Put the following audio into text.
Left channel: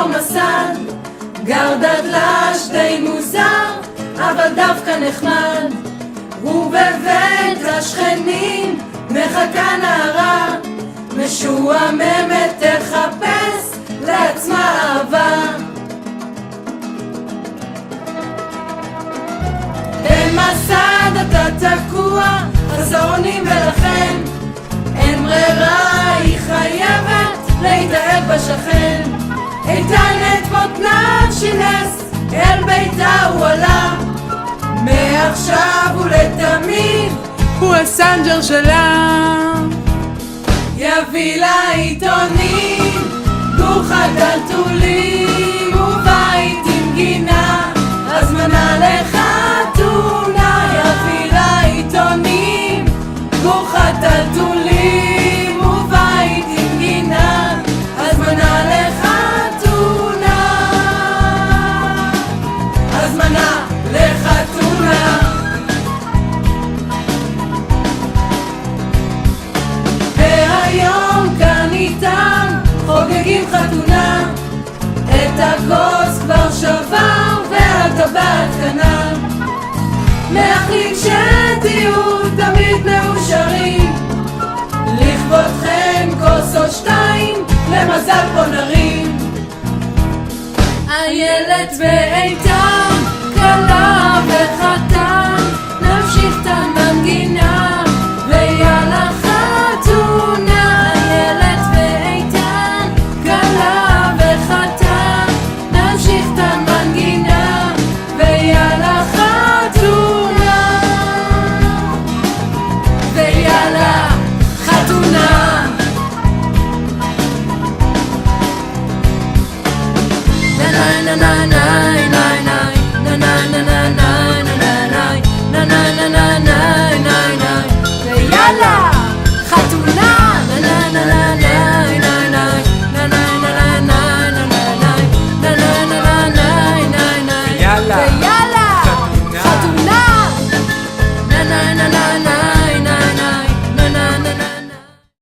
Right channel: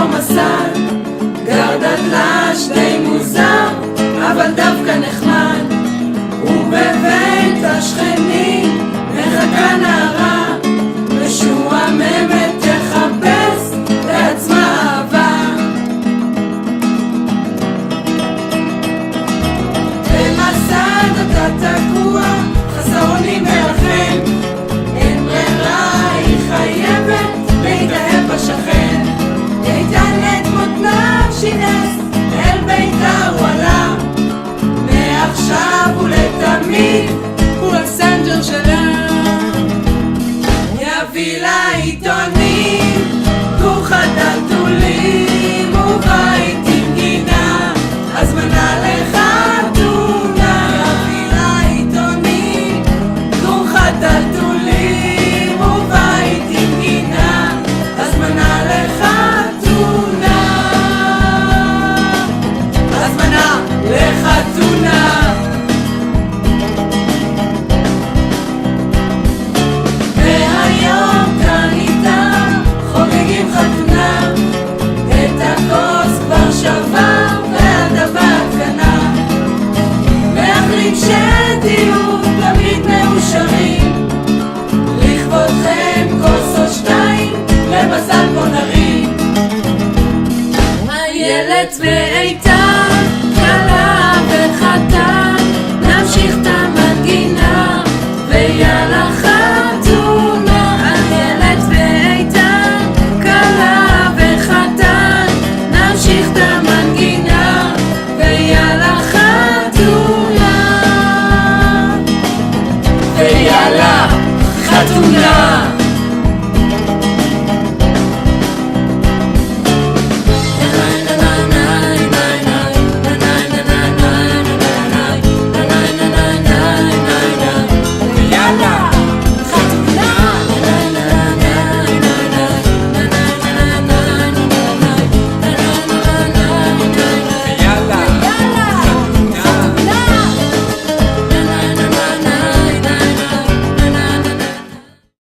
אותו מסד, גר דתל"ש די מוזר, אבל דווקא נחמד. ובבית השכנים מחכה נערה, משועממת תחפש לעצמה אהבה. במסד אתה תקוע, חסרונים מרחם, אין ברירה, היא חייבת להתאהב בשכן. איתן את מותניו שינס, אל ביתה הוא עלה, מעכשיו ולתמיד הוא הסנג'ר שלה. יביא לה עיתונים, כוכת דלתולים ובית עם גינה, הזמנה לחתונה. יביא לה עיתונים, כוכת דלתולים ובית עם גינה, הזמנה לחתונה, הזמנה לחתונה. והיום כאן איתם חוגגים חתונה, את הכוס כבר שבר והדבת קנה. מאחלים שתהיו תמיד מאושרים, לכבודכם כוס או שתיים, למזל בוא נרים. הילד ואיתן, כלה וחתן, נמשיך את המנגינה ויאללה חתונה. הילד ואיתן, כלה וחתן, נמשיך את המנגינה ויאללה חתונה, ויאללה חתונה. Na na na na